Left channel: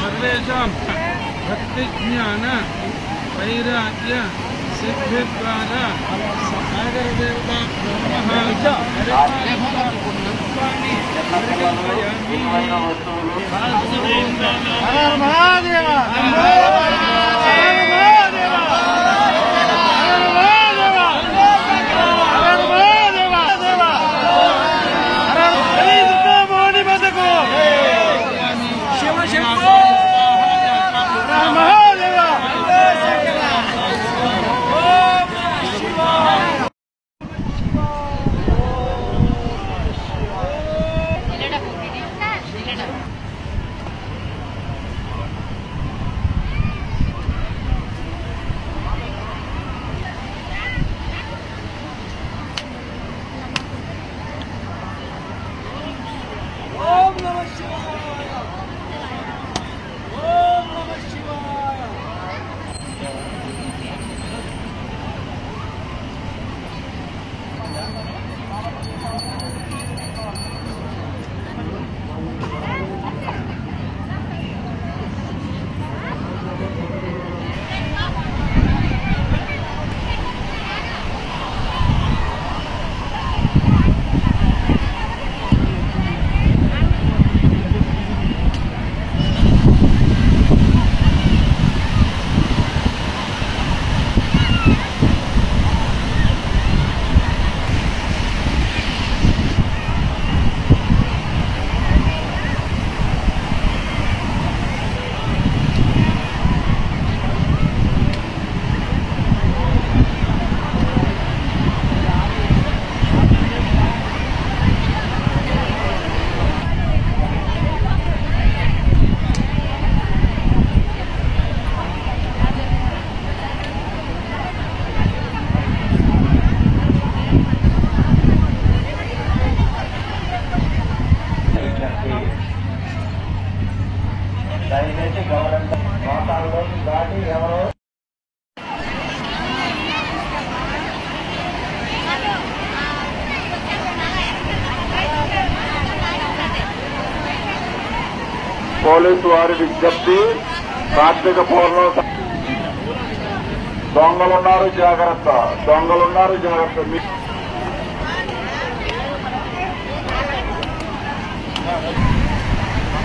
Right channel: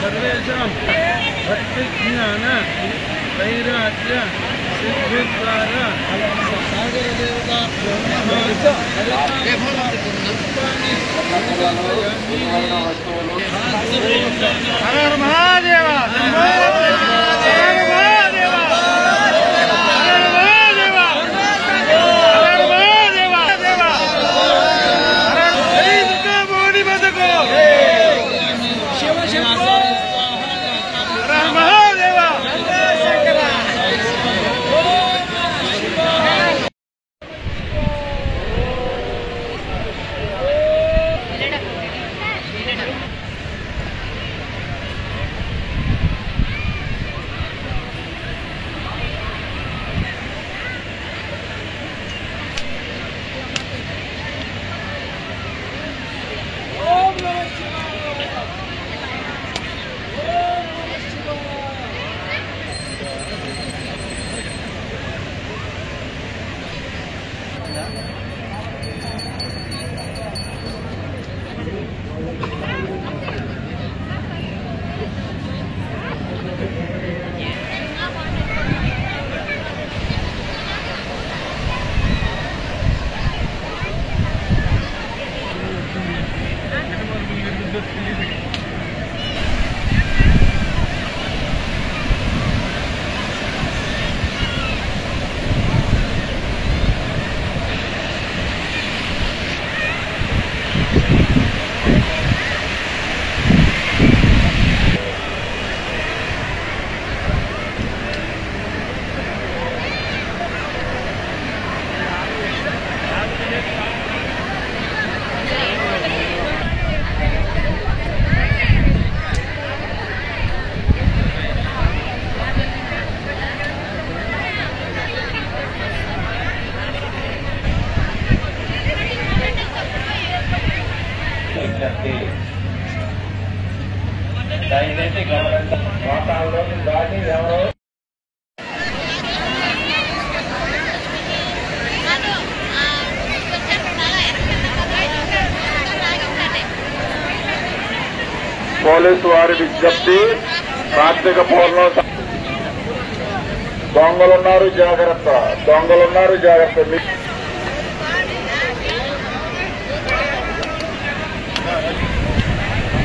सर्वेषां भक्तिज्ञान वैराग्य सिद्धिद्वार सागरदेवताभ्यो దయచేసి గమనించండి. మోటార్లోకి దాటి ఎవరో పోలీసు వారి విజ్ఞప్తి, కార్తీక పౌర్ణమి దొంగలున్నారు జాగ్రత్త, దొంగలున్నారు జాగ్రత్త.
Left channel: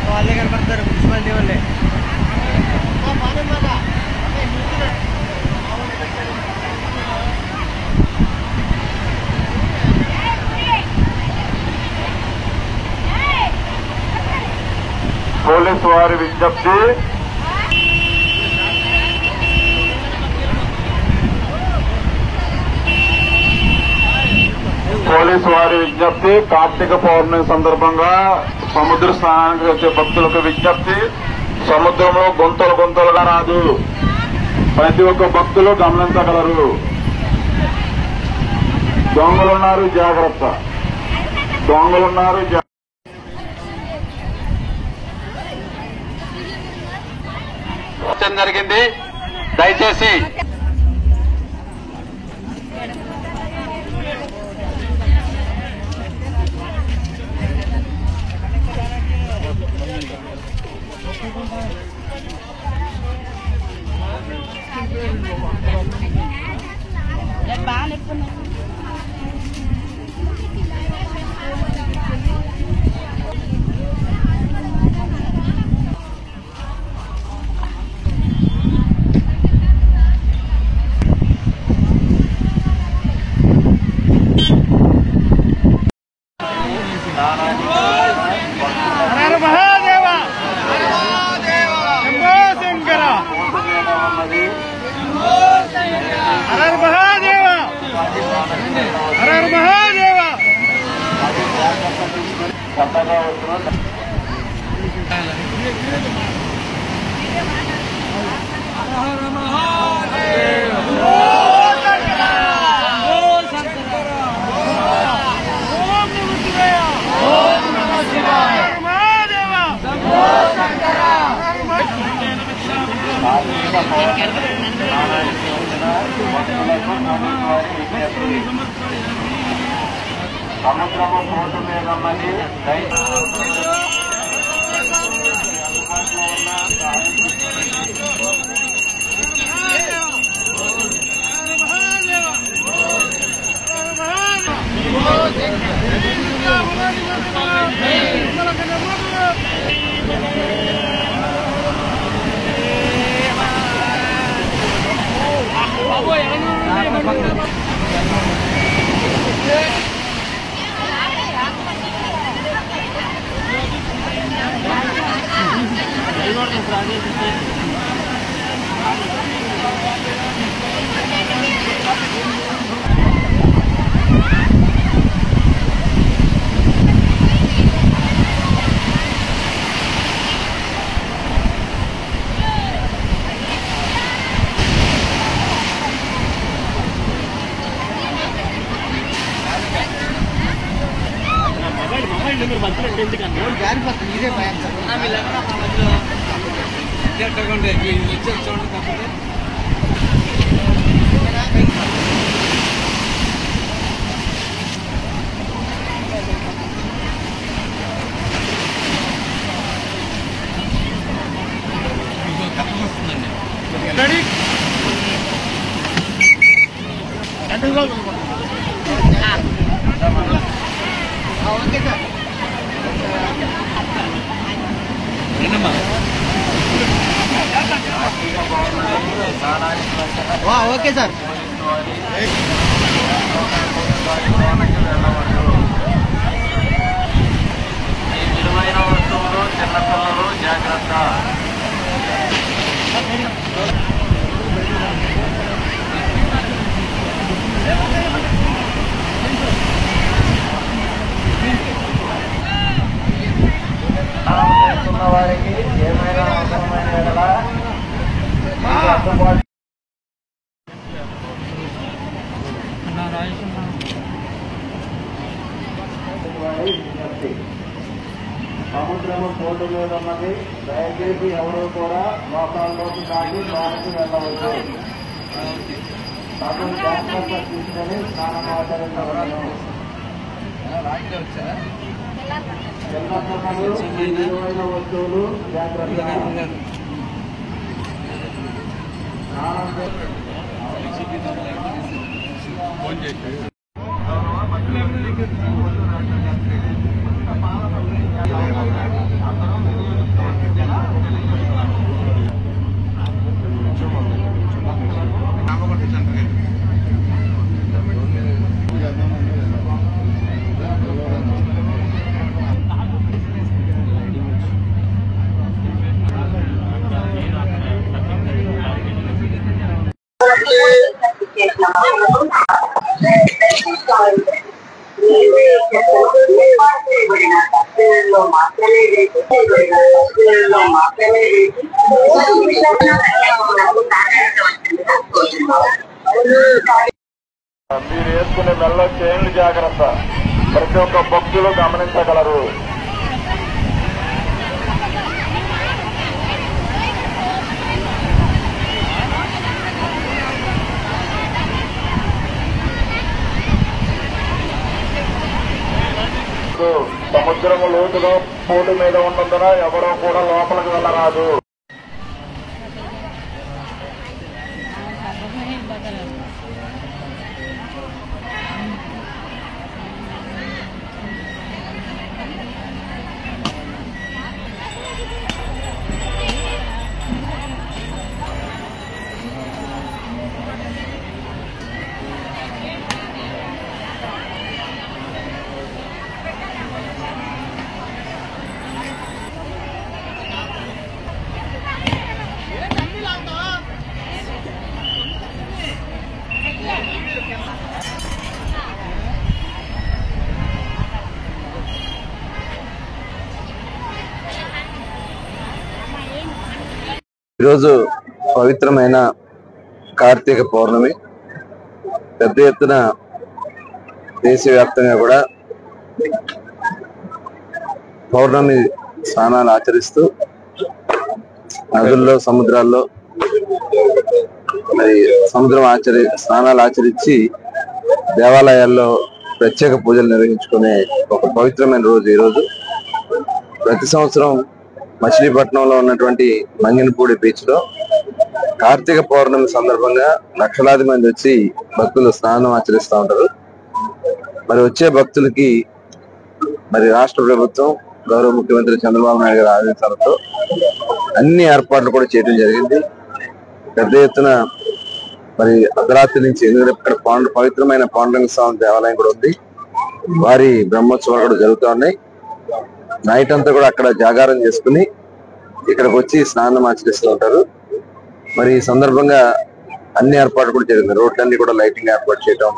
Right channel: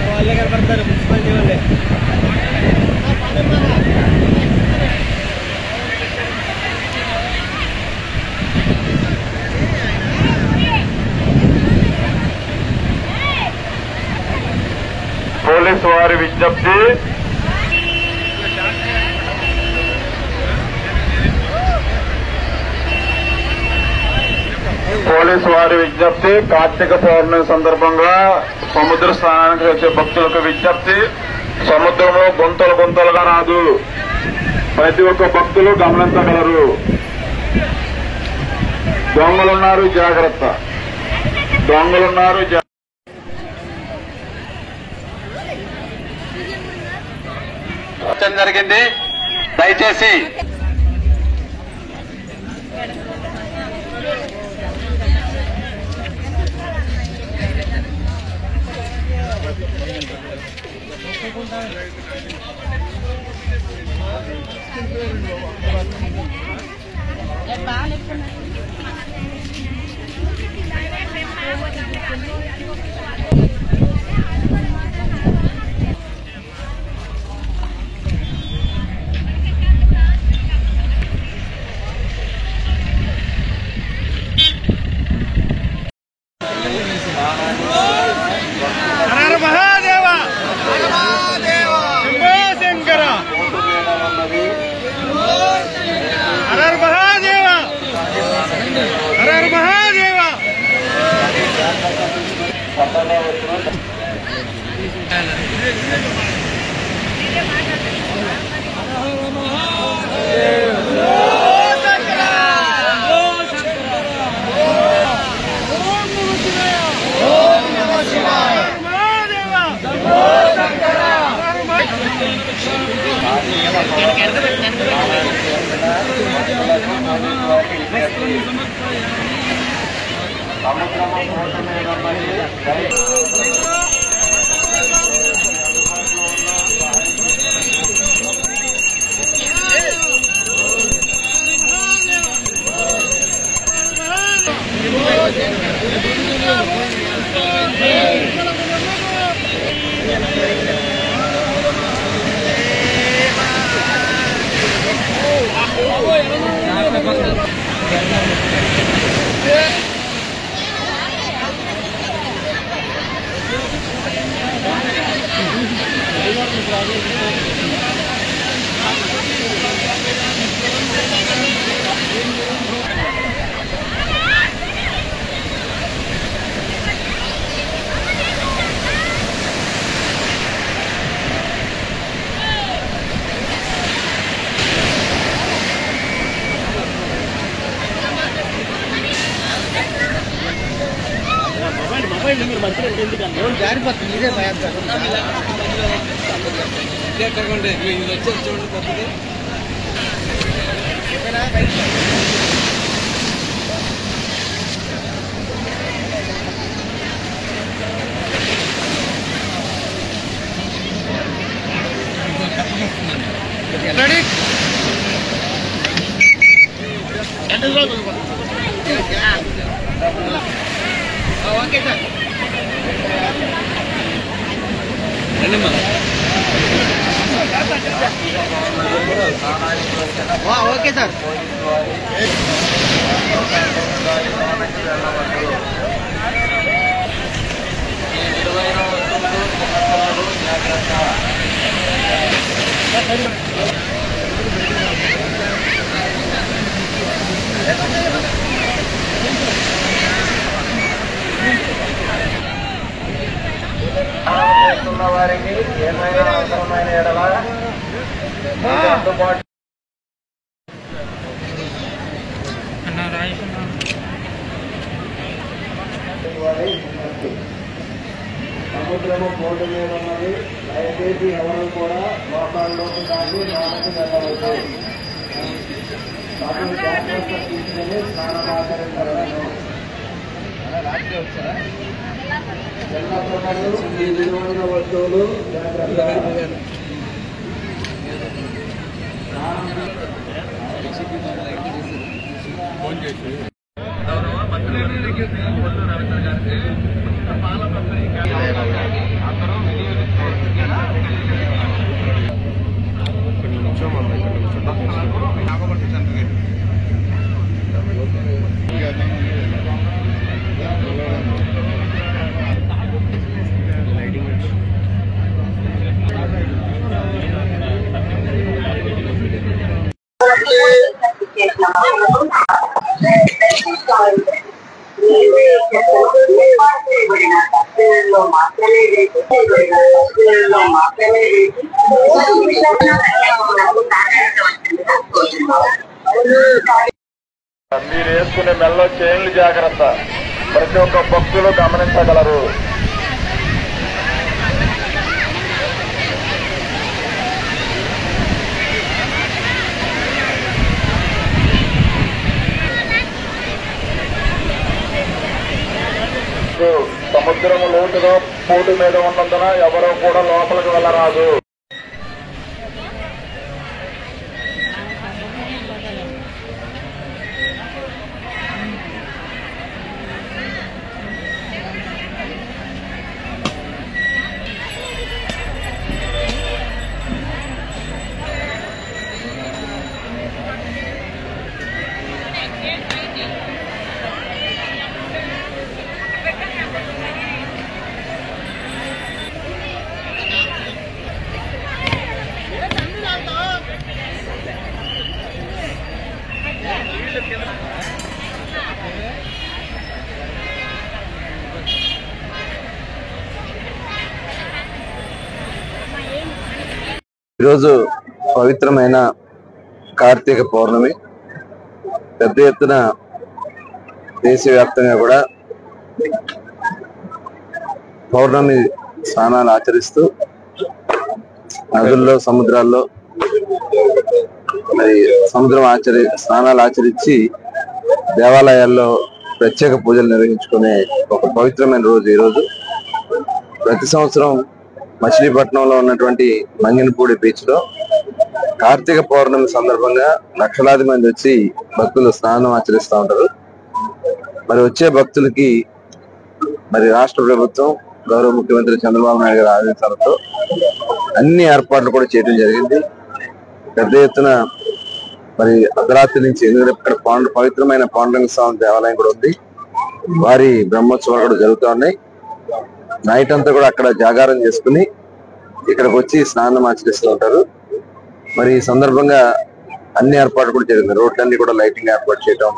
వాళ్ళే కనపడతారు మున్సిపాలిటీ వాళ్ళే. పోలీసు వారి విజ్ఞప్తి, పోలీసు వారి విజ్ఞప్తి, కార్తీక పౌర్ణమి సందర్భంగా సముద్ర స్నానానికి వచ్చే భక్తులకు విజ్ఞప్తి. సముద్రము గుంతలు గుంతలుగా రాదు, ప్రతి ఒక్క భక్తులు గమనించగలరు. దొంగలున్నారు జాగ్రత్త, దొంగలున్నారు జాగ్రత్త. జరిగింది, దయచేసి హర మహాదేవ శంభో శంకర హర మహాదేవ హర మహాదేవ. కార్తీక పౌర్ణమి స్నానానికి వచ్చిన భక్తుల సముద్రము పోటు మీద ఉన్నది. Okay sir. Okay sir. విలువైన వస్తువులు, చిన్నపిల్లలు జాగ్రత్త. వారికి ఏమైనా అవసరమైన ఎడల అందుబాటు సముద్రము పోటు మీద ఉన్నది. దయచేసి ఎవరు కూడా లోకాల్లోకి దాటి లోనికి వెళ్ళవచ్చు. తమను జాగ్రత్త తీసుకుని స్నానమాచరించవలను. చిన్నపిల్లలు, విలువైన వస్తువులు జాగ్రత్త. గౌరవ మంత్రివర్యులు కొల్లు రవీంద్ర గారికి పాల పంపిణీ అందరూ భక్తులకు నాగపట్టి సెంటర్ గేట్ మీరు వేసుకునే మెల్ల చైన్లు జాగ్రత్త. ప్రతి ఒక్క భక్తులు గమనించగలరు. సముద్రము లోతుగా పోటు మీద ఉన్నందున ఎవరో కూడా లోపలికి వెళ్ళరాదు. ఈరోజు పవిత్రమైన కార్తీక పౌర్ణమి. పెద్ద ఎత్తున దేశవ్యాప్తంగా కూడా పౌర్ణమి స్నానాలు ఆచరిస్తూ నదుల్లో, సముద్రాల్లో మరి స్నానాలు ఆచరించి దేవాలయాల్లో ప్రత్యేక పూజలు నిర్వహించుకునే ఒక పవిత్రమైన రోజు ఈ రోజు. ప్రతి సంవత్సరం మచిలీపట్నంలో ఉన్నటువంటి మంగినపూడి బీచ్ లో కార్తీక పౌర్ణమి సందర్భంగా లక్షలాది మంది వచ్చి భక్తులు స్నానం ఆచరిస్తూ ఉంటారు. మరి వచ్చే భక్తులకి మరి రాష్ట్ర ప్రభుత్వం, గౌరవ ముఖ్యమంత్రి చంద్రబాబు నాయుడు గారి ఆదేశాలతో అన్ని ఏర్పాట్లు కూడా చేయడం జరిగింది. పెద్ద ఎత్తున మరి అర్ధరాత్రి నుంచి, ఎందుకంటే ఇక్కడ పవిత్రమైన పాండురంగ స్వామి దేవాలయం కూడా ఉంది, వారి బ్రహ్మోత్సవాలు కూడా జరుగుతూ ఉన్నాయి. నైట్ అంతా కూడా అక్కడ జాగారం చేసుకుని ఇక్కడికి వచ్చి స్నానం ఆచరిస్తూ ఉంటారు. మరి ఈ సందర్భంగా అన్ని ఏర్పాట్లు కూడా జరిగింది. రోడ్లన్నీ కూడా లైటింగ్ ఏర్పాటు చేయడం,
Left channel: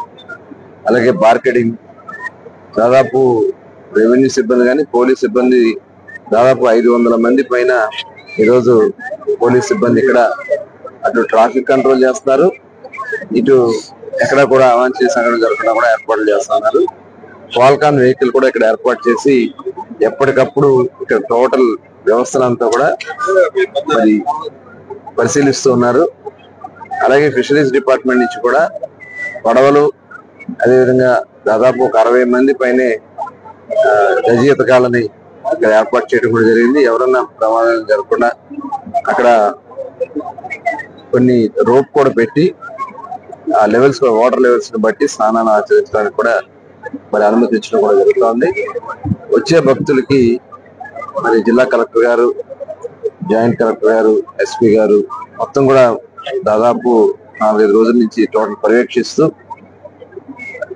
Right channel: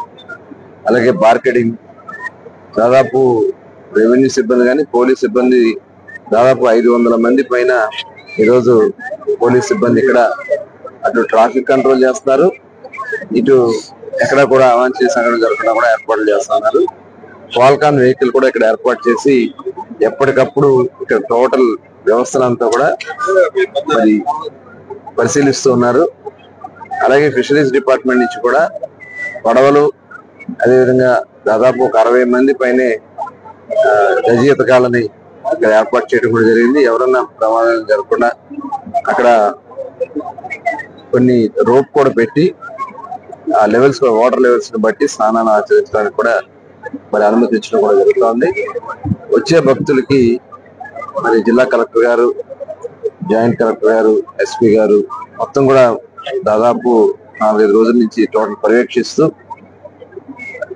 అలాగే బార్కెడింగ్, దాదాపు రెవెన్యూ సిబ్బంది కానీ పోలీస్ సిబ్బంది దాదాపు 500 మంది పైన ఈరోజు పోలీస్ సిబ్బంది ఇక్కడ అటు ట్రాఫిక్ కంట్రోల్ చేస్తున్నారు, ఇటు ఎక్కడ కూడా అవాంఛనీయ సంఘటన జరగకుండా కూడా ఏర్పాట్లు చేస్తున్నారు. ఫాల్కాన్ వెహికల్ కూడా ఇక్కడ ఏర్పాటు చేసి ఎప్పటికప్పుడు ఇక్కడ టోటల్ వ్యవస్థలంతా కూడా మరి పరిశీలిస్తూ ఉన్నారు. అలాగే ఫిషరీస్ డిపార్ట్మెంట్ నుంచి కూడా పడవలు, అదేవిధంగా దాదాపు ఒక 60 మంది పైనే గజ ఈతగాళ్ళని ఇక్కడ ఏర్పాటు చేయడం కూడా జరిగింది. ఎవరన్నా ప్రమాదాలు జరగకుండా అక్కడ కొన్ని రోప్ కూడా పెట్టి ఆ లెవెల్స్, వాటర్ లెవెల్స్ ని బట్టి స్నానాలు ఆచరించడానికి కూడా మరి అనుమతించడం కూడా జరుగుతోంది. వచ్చే భక్తులకి మరి జిల్లా కలెక్టర్ గారు, జాయింట్ కలెక్టర్ గారు, ఎస్పీ గారు మొత్తం కూడా దాదాపు 4-5 రోజుల నుంచి టోటల్ పర్యవేక్షిస్తూ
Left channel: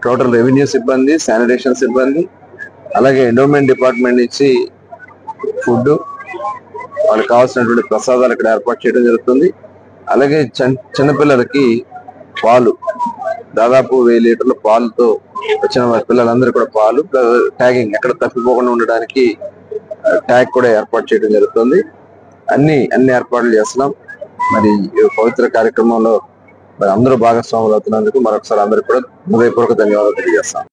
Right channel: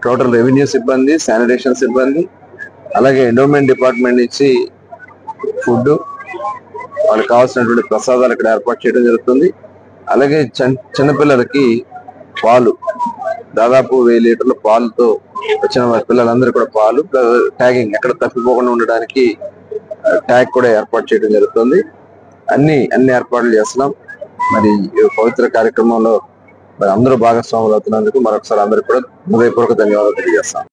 టోటల్ రెవెన్యూ సిబ్బంది, శానిటేషన్ సిబ్బంది, అలాగే ఎండోమెంట్ డిపార్ట్మెంట్ నుంచి ఫుడ్, వాళ్ళకి కావాల్సినటువంటి ప్రసాదాలు ఇక్కడ ఏర్పాటు చేయడం జరుగుతుంది. అలాగే చిన్నపిల్లలకి పాలు, దాదాపు 1000 లీటర్ల పాలుతో వచ్చిన పిల్లలందరూ కూడా పాలు, ట్యాగింగ్ ఎక్కడ తప్పిపోకుండా ఉండడానికి ట్యాగ్ కూడా ఏర్పాటు చేయడం జరుగుతుంది. అన్ని ఏర్పాట్లు చేస్తున్నాం. మరి ఈ పవిత్ర కార్యక్రమంలో మరి అందరూ భాగస్వాములు అవుతున్నందుకు మరొకసారి అందరికీ కూడా హృదయపూర్వక ధన్యవాదాలు తెలియజేస్తాం.